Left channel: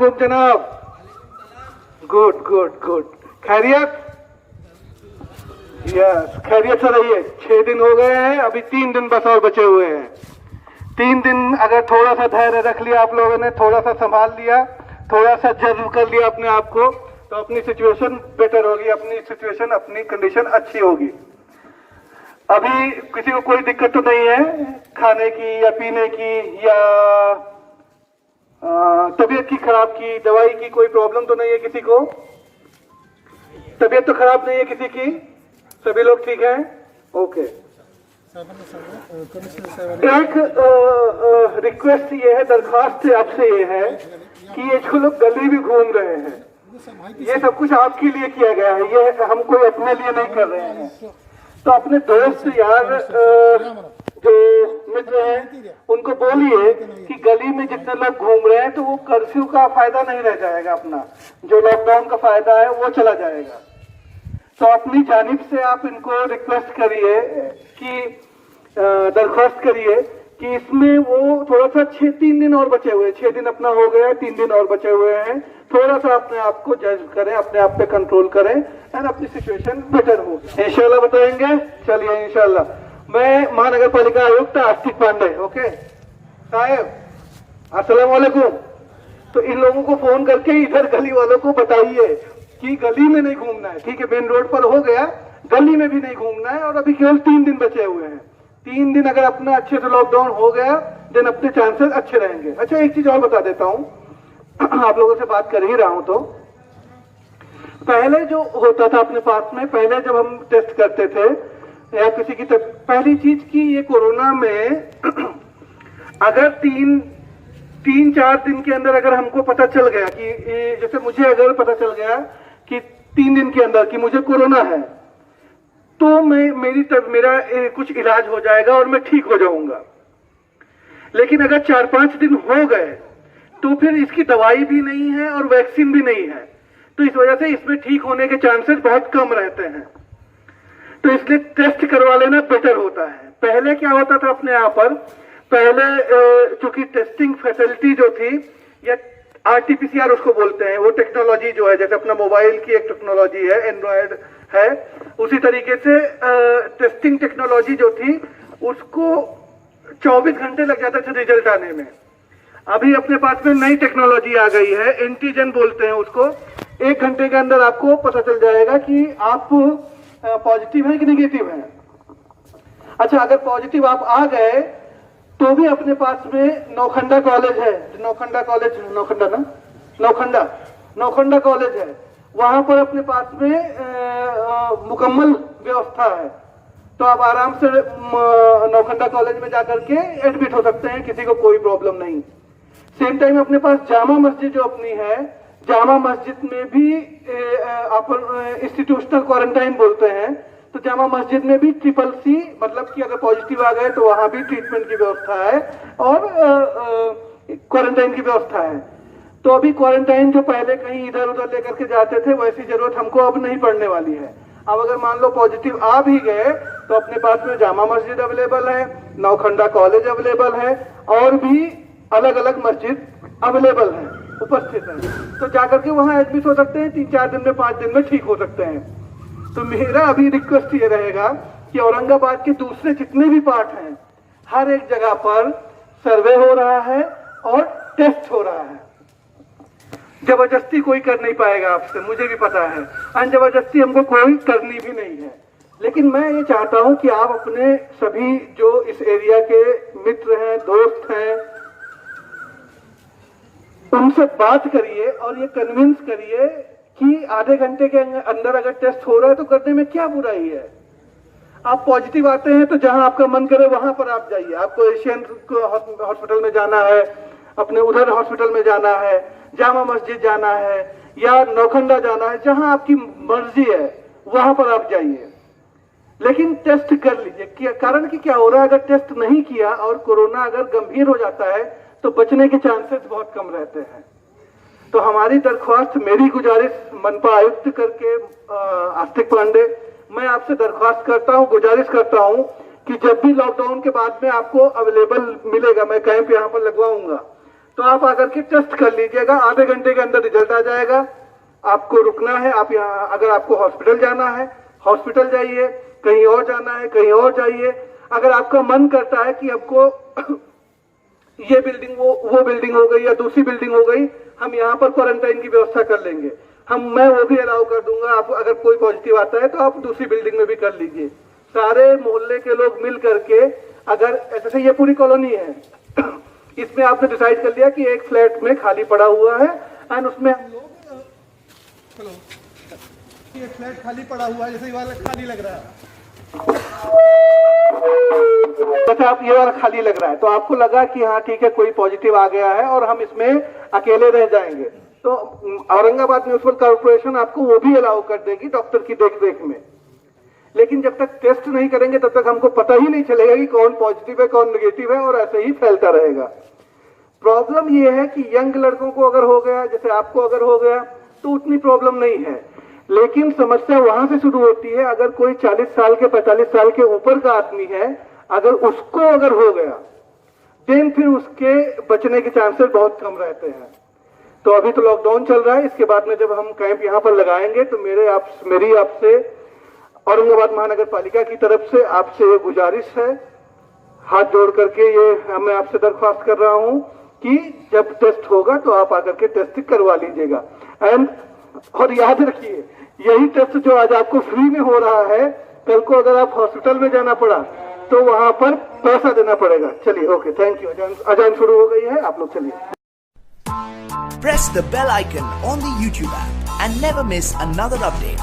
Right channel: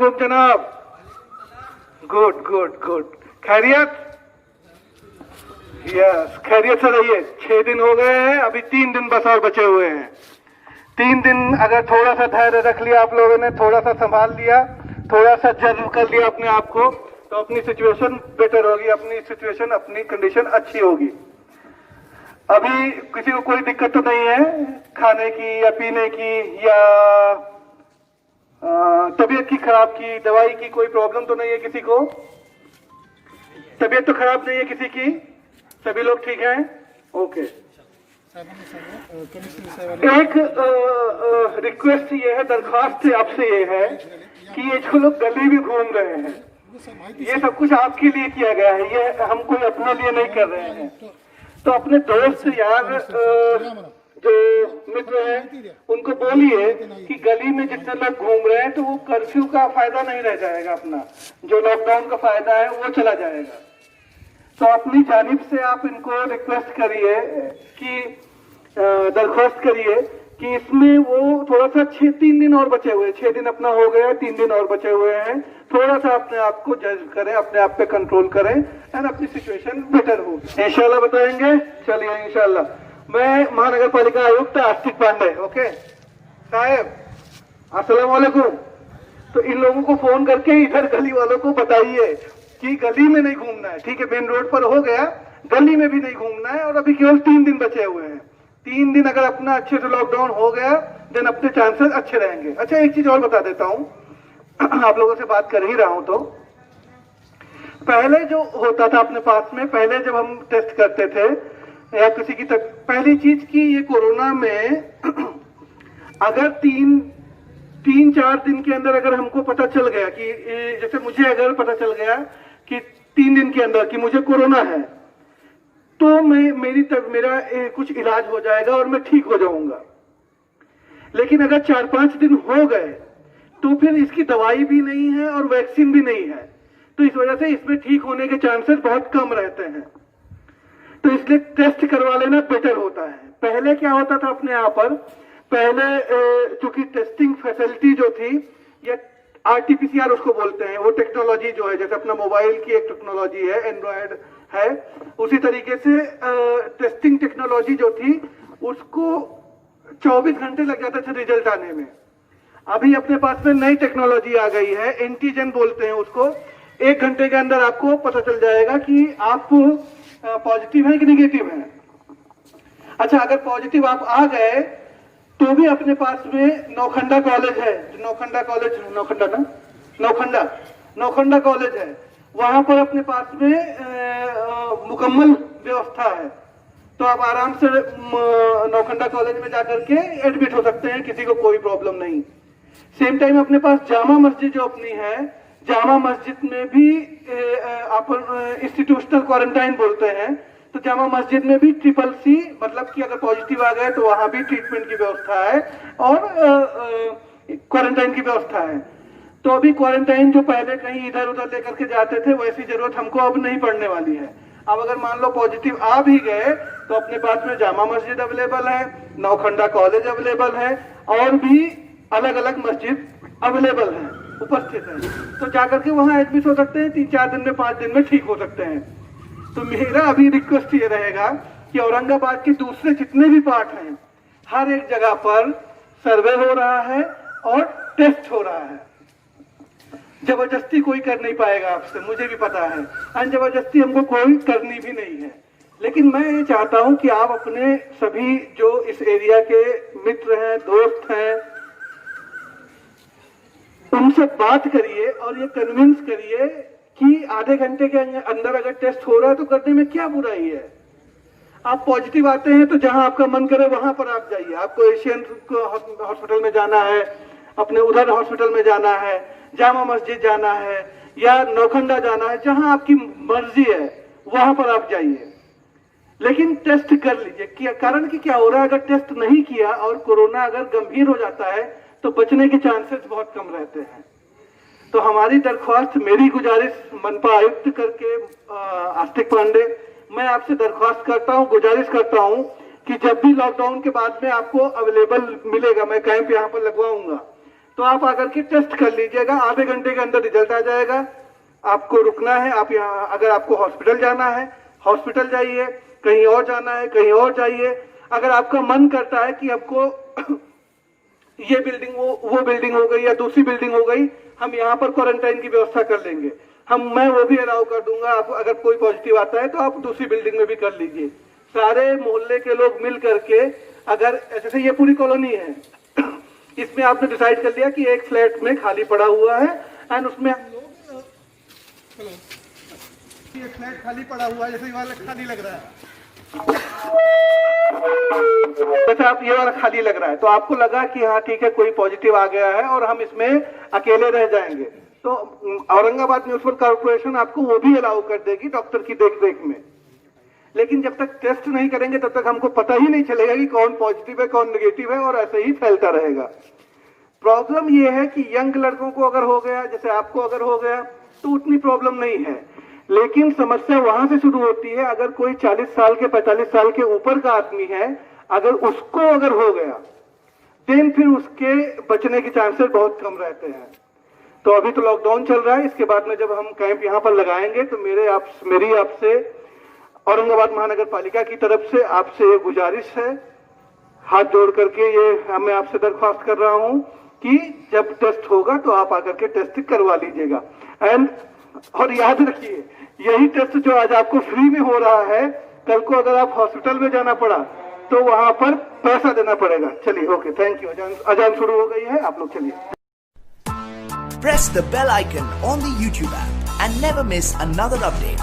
वालेकुम जनाब। Good good good, खैरियत? यस, खैरियत से रहिए। 6 दिन हो गए हैं, अभी 3 दिन बस और बचे हुए हैं। 3 दिन अगर थोड़ा सा धैर्य रख लिया आप लोगों ने, थोड़ा सा संभाल लिया, थोड़ा सा जज्ब कर लिया अपने आप को, तो अपनी सिचुएशन बेटर होगी, अपनी सिचुएशन, अपनी कंडीशन अच्छी होगी। अभी किसी को कोई दिक्कत तो नहीं है खाने की या पीने की या तबीयत की खराब की, दवाई की कोई प्रॉब्लम तो नहीं है किसी को? तबीयत तो खराब नहीं है किसी की? सभी लोग ठीक हैं? ओके। एक रिक्वेस्ट ये है, दरखास्त आपसे ये है कि ये जो लोग गली में घूम रहे हैं, ये सब कुछ आपके लिए किया गया है, ये हम कोई अपने लिए नहीं कर रहे हैं। तो अपने दोस्त यार जो मित्र हैं उनको बोलिए कि गली में जितने लोग घूम रहे हैं तो वो कर्फ्यू का फायदा नहीं रह जाएगा, अपना जो लॉकडाउन का फायदा है वो चला जाएगा। तो अपनी जानिब से आप इनको रिक्वेस्ट करिए कि दरख्वास्त करिए कि इसमें वो थोड़ा सा 3 दिन और बचे हुए, 6 दिन अपना हो गया, 3 दिन और बचे हुए हैं, थोड़ा सा अपने आप को जज करें, अपने आप पे कंट्रोल करें एंड अपनी सिचुएशन बेटर होगी। इंशाल्लाह बताएंगे। चलिए इंशाल्लाह। मैं महानगर पालिका आयुक्त आस्तिक पांडे। ओके साहब, अस्सलाम वालेकुम। तो इन लोगों को फोन करके इधर गली वालों को बताइए कि गली में नहीं घूमना है, ठीक है? मेन रोड पर हो गया, गली में भी नहीं घूमना है। और अभी केवल 3 दिन बचे हुए हैं। 3 दिन अगर अपना अच्छे से लॉकडाउन हो गया देन अपने चांसेस अच्छे रहेंगे। अच्छा, एक चीज और बता देता हूँ, आप लोगों से बात कर ही रहा हूं, तो पहले जो होता था अपने पास में, पहले जब हम टेस्ट करते थे या किसी की पहली चीज की ये कोरोना में अगर 3-4 दिन के अंदर अगर हमको पता चल गया कि जैसे मुझे अगर पता चल गया कि 3 दिन के अंदर कि मुझे कोरोना है, तो मेरा कुछ इलाज हो जाएगा और मैं ठीक हो जाऊंगा। लेकिन अगर 4-5 दिन हो गए तो फिर इसकी दवाई भी नहीं है और वैक्सीन भी नहीं है, तो इस वजह से इसमें ठीक होने के चांसेस बहुत कम रहते हैं। तो इसलिए टेस्ट करवा लेना बेटर होता है। पहले क्या होता था अपने यहाँ पर, पहले चूंकि टेस्टिंग फैसिलिटी जो थी या RT-PCR उसको बोलते हैं, वो टेक्नोलॉजी जो है, जैसे अपना मोबाइल की एक टेक्नोलॉजी है, एंड्रॉयड है, उसी तरीके से टेस्टिंग टेक्नोलॉजी जो थी उसको 24 घंटे लग जाते थे रिजल्ट आने में। अभी अपने पास में नई टेक्नोलॉजी आ गई है, एंटीजन बोलते हैं उसको। 1 घंटे के अंदर आपको पता चल जाएगा कि आप पॉजिटिव है कि निगेटिव है। अच्छा, अगर पॉजिटिव आप आ गए तो भी अपने पास में नौखंडा कॉलेज है, नौखंडा कॉलेज है, वहां पर अपने पास में मुकम्मल व्यवस्था है। तो आप आराम से नौखंडा कॉलेज में जाकर के एडमिट हो सकते हैं, किसी को कोई प्रॉब्लम नहीं। सेम टाइम अपने पास जामा मस्जिद जो अपनी है, जामा मस्जिद में भी आप इंस्टीट्यूशनल क्वारंटाइन बोलते हैं, तो जामा मस्जिद में भी CCC, मतलब कि अगर पॉजिटिव आ गए तो वहां भी ट्रीटमेंट की व्यवस्था है और क्वारंटाइन की व्यवस्था है। तो अभी क्वारंटाइन जो पहले कहीं इधर उधर लेकर के जाते थे, वैसी जरूरत हमको अब नहीं पड़ने वाली है। अब अगर मान लो पॉजिटिव आ भी गए तो अपने पास में जामा मस्जिद अवेलेबल है, नौखंडा कॉलेज अवेलेबल है और भी अलग अलग मस्जिद अवेलेबल है, उपस्थित है। तो जाकर के वहां एडमिट हो सकते हैं, 3-4 दिन में, 5 दिन में ठीक हो सकते हैं। तो मेरा अभी रिक्वेस्ट ये रहेगा कि औरंगाबाद के दूसरे जितने भी पार्ट हैं, हर एक जगह पर सर्वे हो रहा है और टेस्ट हो रहा है। जबरदस्ती कोई कर नहीं पाएगा आपसे, मुझे भी पता है, और जबरदस्ती हमको कोई करनी भी नहीं है। लेकिन मैं ये चाहता हूं कि आप अपने सभी जो इस एरिया के मित्र हैं, दोस्त हैं, उनसे बात करिए और ये कन्विंस करिए कि आधे घंटे के अंदर अगर टेस्ट हो रहा है तो करने में क्या बुराई है। आप पॉजिटिव आते हैं तो जहां आपका मन करे वहां पर आप जाइए। आपको एशियन हॉस्पिटल में जाना है, अपने उधर हॉस्पिटल में जाना है, जामा मस्जिद जाना है या नौखंडा जाना है, जहां आपकी मर्जी है वहां पर आप जाइए। लेकिन टेस्ट कर लीजिए। कारण कि क्या हो रहा है, अगर टेस्ट नहीं किया और कोरोना अगर गंभीर हो जाता है तो बचने के चांसेस बहुत कम रहते हैं। तो हमारी दरख्वास्त, मेरी गुजारिश मनपा आयुक्त करके आस्तिक पांडे, मैं आपसे दरख्वास्त करता हूं, गुजारिश करता हूं कि जब भी लॉकडाउन के बाद में आपको अवेलेबल मिलेगा, मैं कैंप यहाँ पर लगवाऊंगा, तो आप आकर के टेस्ट कर लीजिएगा, आधे घंटे के अंदर रिजल्ट आ जाएगा। आपको रुकना है, आप यहाँ, अगर आपको हॉस्पिटल जाना है हॉस्पिटल जाइए, कहीं और जाना है कहीं और जाइए। अगर आपका मन करता है कि आपको ये बिल्डिंग वो बिल्डिंग हो गई या दूसरी बिल्डिंग हो गई, हम यहाँ पर क्वारंटाइन की व्यवस्था कर लेंगे, मैं वो भी अलाउ कर दूंगा। आप अगर कोई पॉजिटिव आता है तो आप दूसरी बिल्डिंग में भी कर लीजिए। सारे मोहल्ले के लोग मिल करके, अगर जैसे ये पूरी कॉलोनी है, इसमें आपने डिसाइड कर लिया कि एक फ्लैट में खाली पड़ा हुआ है एंड उसमें हम लोग ये फ्लैट खाली पड़ा हुआ है, जैसे ये वाला खाली लग रहा है, अच्छा आप ये वाला खाली लग रहा है, तो आपको लगा कि हाँ ठीक है कोई पॉजिटिव आ गया है और हम इसमें अकेले रह जाएंगे, तो औरंगाबाद म्युनिसिपल कॉर्पोरेशन आपको वो भी अलाउ कर देगी डॉक्टर की देखरेख में। लेकिन जब तक टेस्ट नहीं करेंगे तब तक हमको पता ही नहीं चलेगा कि कौन पॉजिटिव है कौन नेगेटिव है, और ऐसे ही फैलता रहेगा। प्रॉब्लम ये है कि यंग लड़कों को अगर हो गया, जैसे आपको अगर हो गया, तो उतनी प्रॉब्लम नहीं है, लेकिन समस्या वहां से शुरू होती है अगर कोई 40 साल के 45 साल के ऊपर का आदमी है, अगर उसको अगर हो गया देन फिर उसके बचने के चांसेस बहुत कम रहते हैं। तो अभी तो लॉकडाउन चल रहा है, इसके बाद में जब हम कैंप यहाँ पर लगाएंगे तो मेरी आपसे औरंगाबाद महानगर पालिका की तरफ से आपसे ये गुजारिश है, हाथ जोड़ करके ये मैं आपसे दरख्वास्त कर रहा हूं कि जब टेस्ट होगा तो आप आकर के टेस्ट करवा लीजिएगा। और याद रखिए यही टेस्ट जो आज आपको फ्री में हो रहा है, कल को अगर आप हॉस्पिटल में जाना पड़ा तो वहां पर पैसा देना पड़ेगा। चलिए ओके, थैंक यू। अजान शुरू हो गई है, आप लोग चलिए। Press the bell icon on the YouTube app and never miss another update.